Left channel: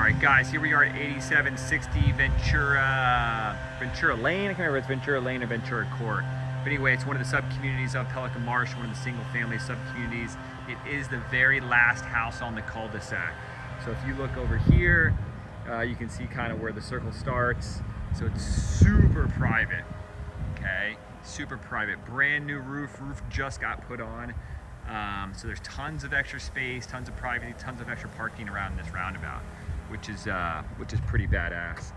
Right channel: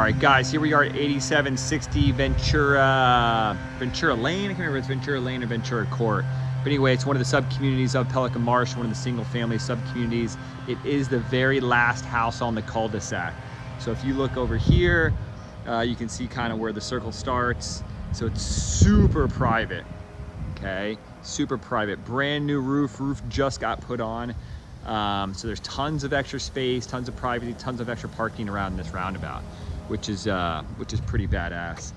All right, guys, here we are at 8760 Ventura Lane. I can't remember if it's Ventura Lane or Ventura Court. But anyway, it's one of the sub-communities of Pelican Marsh, one of the single-family sub-communities. It is the very last house on the cul-de-sac. So if you look over here, you can see kind of where the circle starts. So it's super private, okay? Super private. Brand new roof just got put on. So there's tons of extra space, tons of privacy, tons of extra parking around this roundabout, which is pretty badass.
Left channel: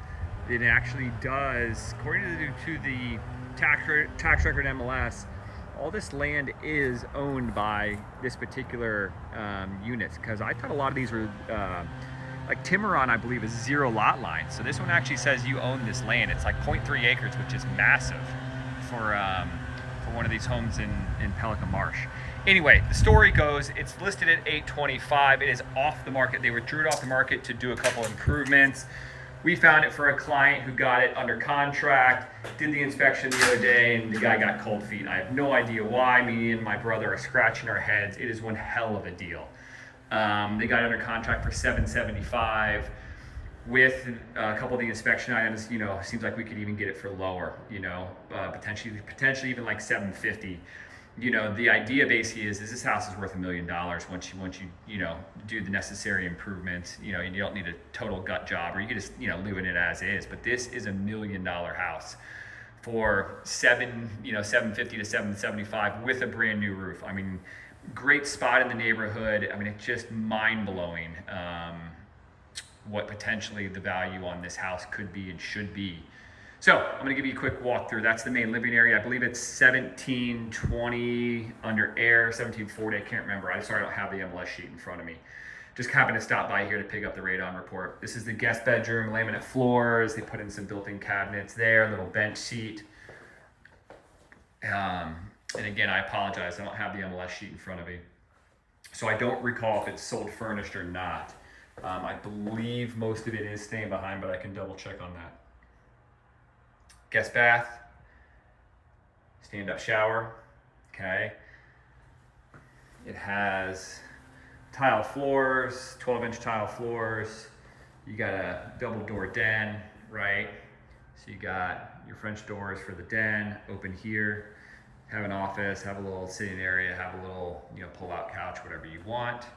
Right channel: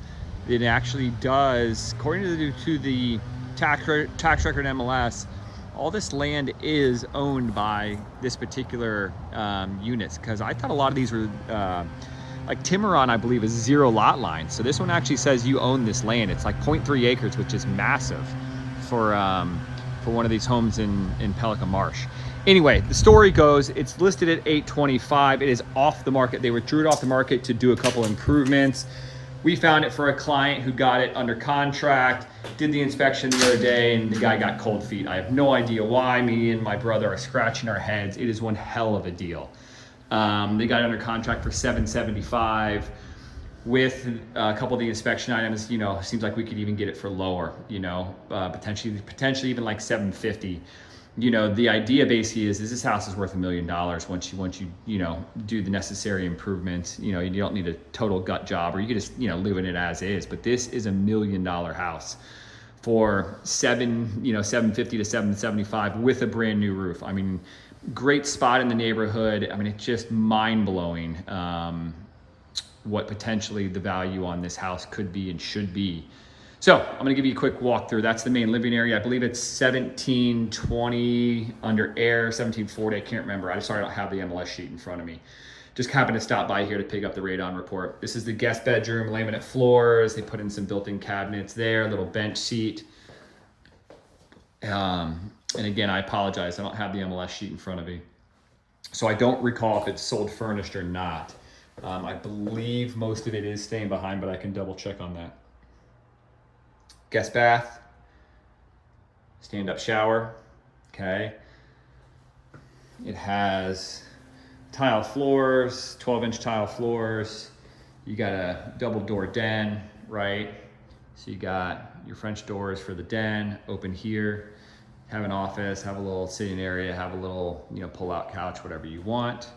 It actually does, according to the tax record MLS, all this land is owned by this particular units, because I thought a lot of these were like Timuron, I believe, is 0 lot line. So this one actually says you own this land. It's like 0.3 acres, which is massive for one of these homes in Pelican Marsh. Anyway, the story goes, it's listed at $825. It is off the market. They withdrew it off the market to do a couple improvements. We found it for a client who got it under contract, did the inspection the other day, and the guy got cold feet. I have no idea why. Me and my brother are scratching our heads. It is one hell of a deal. They got it under contract for $775. With a couple of the inspection items, you know, seems like we could even get it for lower, you know, potentially even like $750. You know, the idea basically is this house is worth $1 million once you know, do the necessary improvements. You know, you don't need a total gut job, or you can just, you know, live in it as is. But this is $1 million house for $750 to $775 with a brand new roof. I mean, great spot in the neighborhood. I mean, it's just mind blowing what potentially the value on this house could be and should be. So I'm gonna give you a quick walkthrough. That's the main living area. I believe it's 1720 under air, 1740, I can't remember. I'm sorry, I don't have the MLS sheet in front of me. Just happened to stop by here to pick up the radon report. This is the guest bedroom, laminate floors. They put in some built-in cabinets there, little bench seat. And again, I apologize, I don't have the MLS sheet in front of me. So I don't recall if it's sold furnished or not. I believe most of it is staying behind, but I can double check on that. Guest bath, stand-up shower, okay. It has tile floors, 12-inch tile floors. You got a double door den, right? So you got your French doors for the den, open here, have an office, have a little sitting area, have a little, you know, pull-out couch, whatever you want.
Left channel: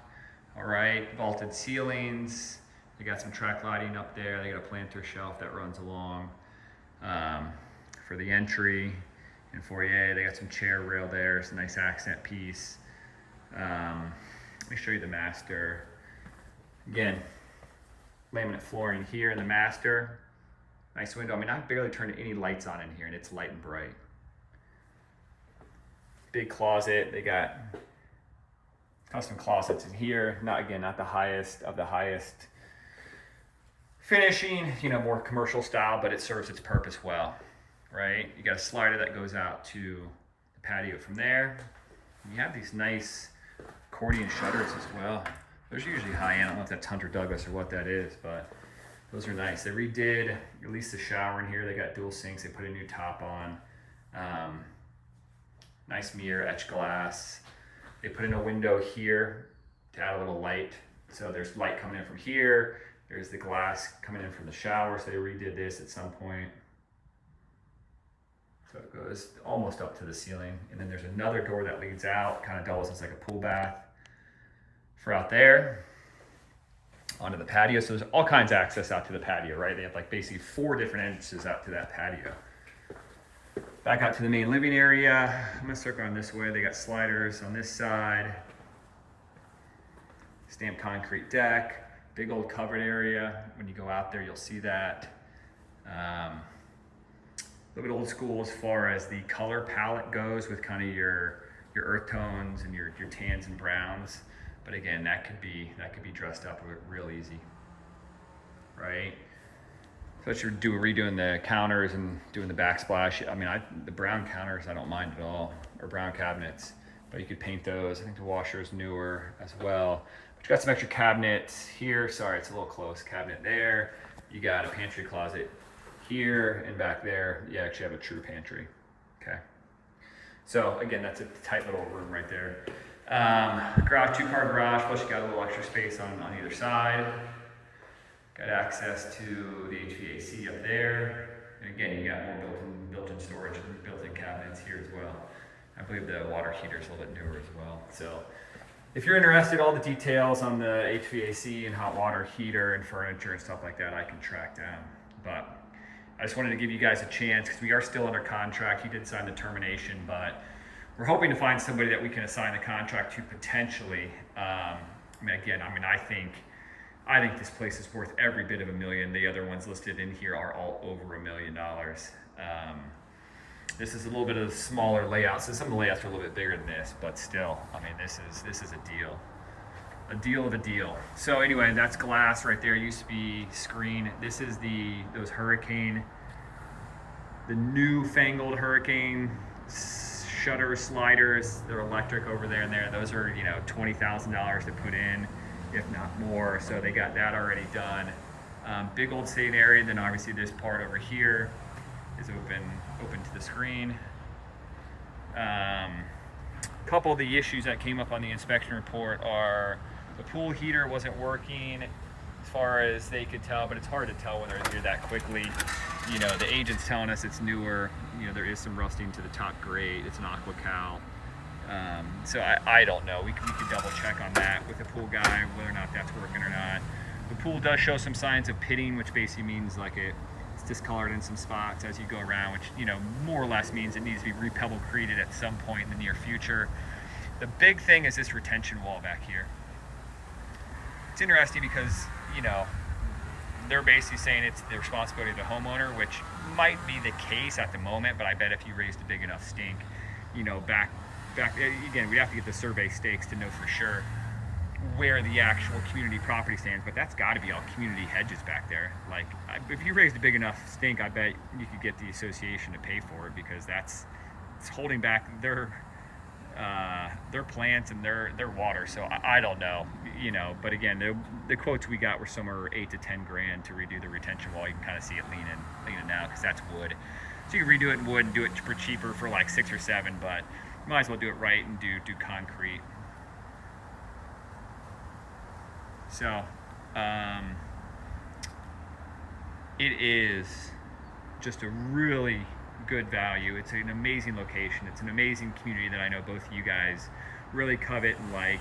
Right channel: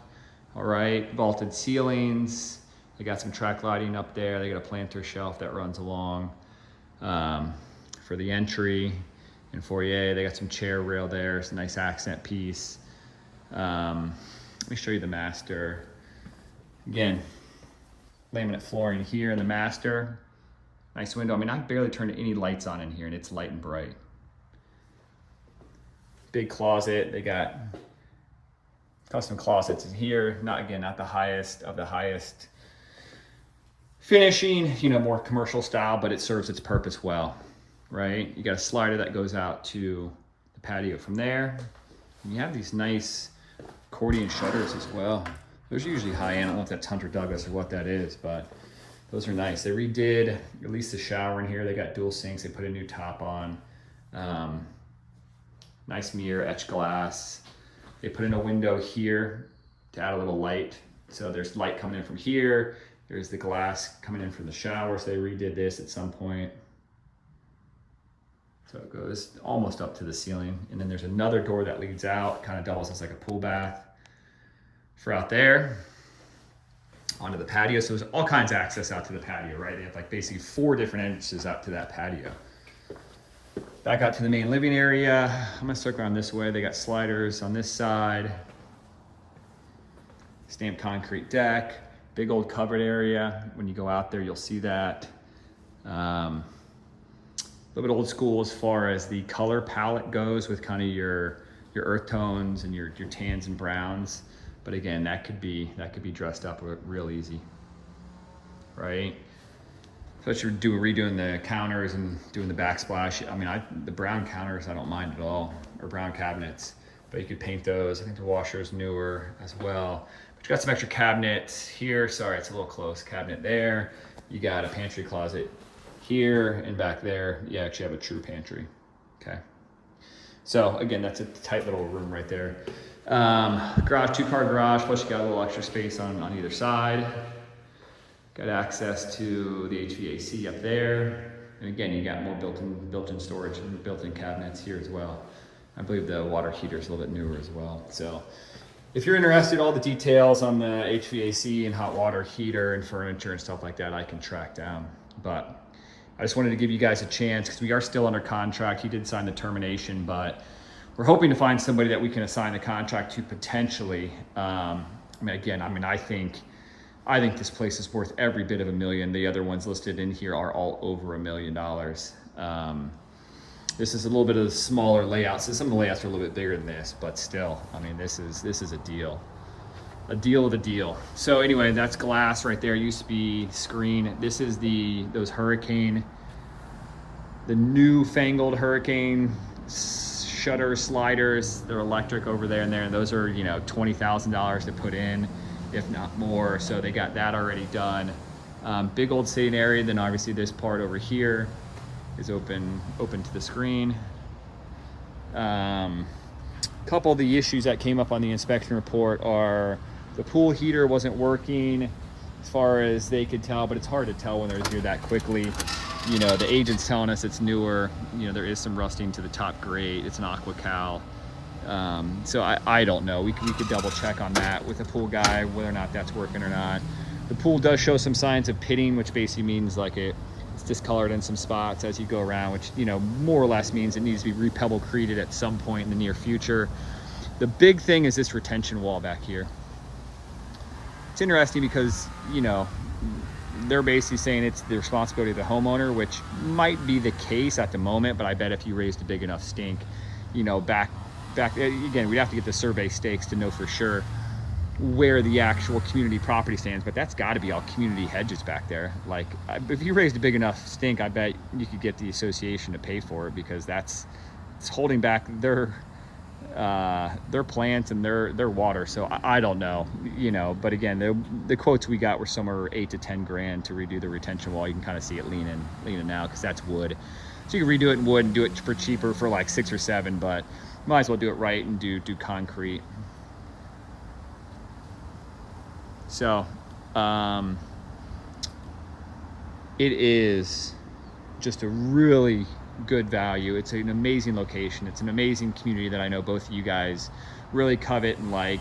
All right, vaulted ceilings. They got some track lighting up there. They got a planter shelf that runs along. For the entry and foyer, they got some chair rail there. It's a nice accent piece. Let me show you the master. Again, laminate flooring here in the master. Nice window. I mean, I barely turned any lights on in here, and it's light and bright. Big closet. They got custom closets in here. Not the highest of the highest finishing, you know, more commercial style, but it serves its purpose well, right? You got a slider that goes out to the patio from there. And you have these nice accordion shutters as well. Those are usually high end. I don't know if that's Hunter Douglas or what that is, but those are nice. They redid at least the shower in here. They got dual sinks. They put a new top on. Nice mirror, etched glass. They put in a window here to add a little light. So there's light coming in from here. There's the glass coming in from the shower, so they redid this at some point. So it goes almost up to the ceiling. And then there's another door that leads out, kind of doubles as like a pool bath for out there onto the patio. So there's all kinds of access out to the patio, right? They have like basically 4 different entrances out to that patio. Back out to the main living area. I'm gonna circle around this way. They got sliders on this side. Stamped concrete deck. Big old covered area. When you go out there, you'll see that. A little bit old school as far as the color palette goes, with kind of your earth tones and your tans and browns. But again, that could be dressed up real easy, right? So you're redoing the counters and doing the backsplash. I mean, the brown counters I don't mind at all, or brown cabinets, but you could paint those. I think the washer is newer as well. You got some extra cabinets here. Sorry, it's a little close. Cabinet there. You got a pantry closet here, and back there, you actually have a true pantry. Okay. So again, that's a tight little room right there. Garage, 2-car garage, plus you got a little extra space on either side. Got access to the HVAC up there. And again, you got more built-in storage and built-in cabinets here as well. I believe the water heater is a little bit newer as well. So if you're interested in all the details on the HVAC and hot water heater and furniture and stuff like that, I can track down. But I just wanted to give you guys a chance because we are still under contract. He did sign the termination, but we're hoping to find somebody that we can assign the contract to potentially. I think this place is worth every bit of $1 million. The other ones listed in here are all over $1 million. This is a little bit of the smaller layouts. So some of the layouts are a little bit bigger than this, but still, I mean, this is a deal of a deal. So anyway, that's glass right there. It used to be screen. This is the newfangled Hurricane shutter sliders. They're electric over there and there. Those are, you know, $20,000 to put in, if not more. So they got that already done. Big old sitting area. Then obviously this part over here is open to the screen. Couple of the issues that came up on the inspection report are the pool heater wasn't working as far as they could tell, but it's hard to tell when they're here that quickly. You know, the agent's telling us it's newer. You know, there is some rusting to the top grate. It's an aqua cal. So I don't know. We could double check on that with the pool guy, whether or not that's working or not. The pool does show some signs of pitting, which basically means like it's discolored in some spots as you go around, which, you know, more or less means it needs to be repebble created at some point in the near future. The big thing is this retention wall back here. It's interesting because, you know, they're basically saying it's the responsibility of the homeowner, which might be the case at the moment, but I bet if you raised a big enough stink, you know, back again, we'd have to get the survey stakes to know for sure where the actual community property stands, but that's got to be all community hedges back there. Like, if you raised a big enough stink, I bet you could get the association to pay for it, because it's holding back their plants and their water. So I don't know, you know, but again, the quotes we got were somewhere 8 to 10 grand to redo the retention wall. You can kind of see it leaning now because that's wood. So you can redo it in wood and do it for cheaper for like 6 or 7, but might as well do it right and do concrete. So it is just a really good value. It's an amazing location. It's an amazing community that I know both of you guys really covet and like.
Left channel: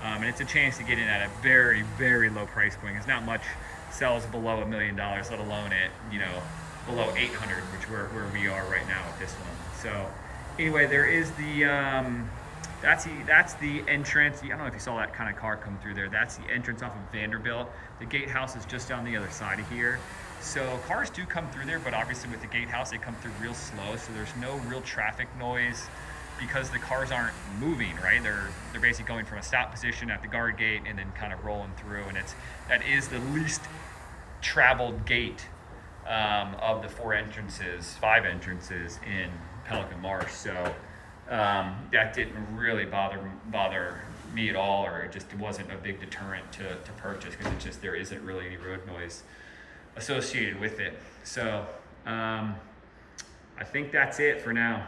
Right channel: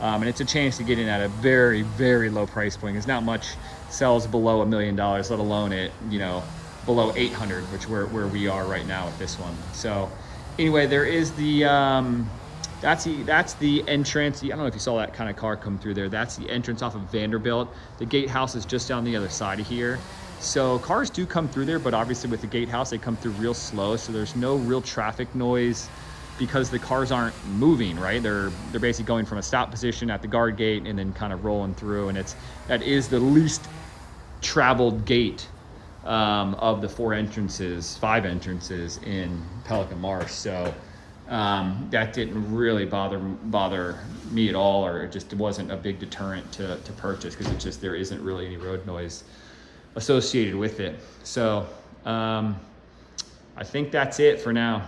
And it's a chance to get in at a very, very low price point. Because not much sells below $1 million, let alone it, you know, below 800, which where we are right now with this one. So anyway, there is the that's the entrance. I don't know if you saw that kind of car come through there. That's the entrance off of Vanderbilt. The gatehouse is just down the other side of here. So cars do come through there, but obviously with the gatehouse, they come through real slow. So there's no real traffic noise because the cars aren't moving, right? They're basically going from a stop position at the guard gate and then kind of rolling through. And that is the least traveled gate of the 5 entrances in Pelican Marsh. So that didn't really bother me at all, or it wasn't a big deterrent to purchase, because there isn't really any road noise associated with it. So I think that's it for now.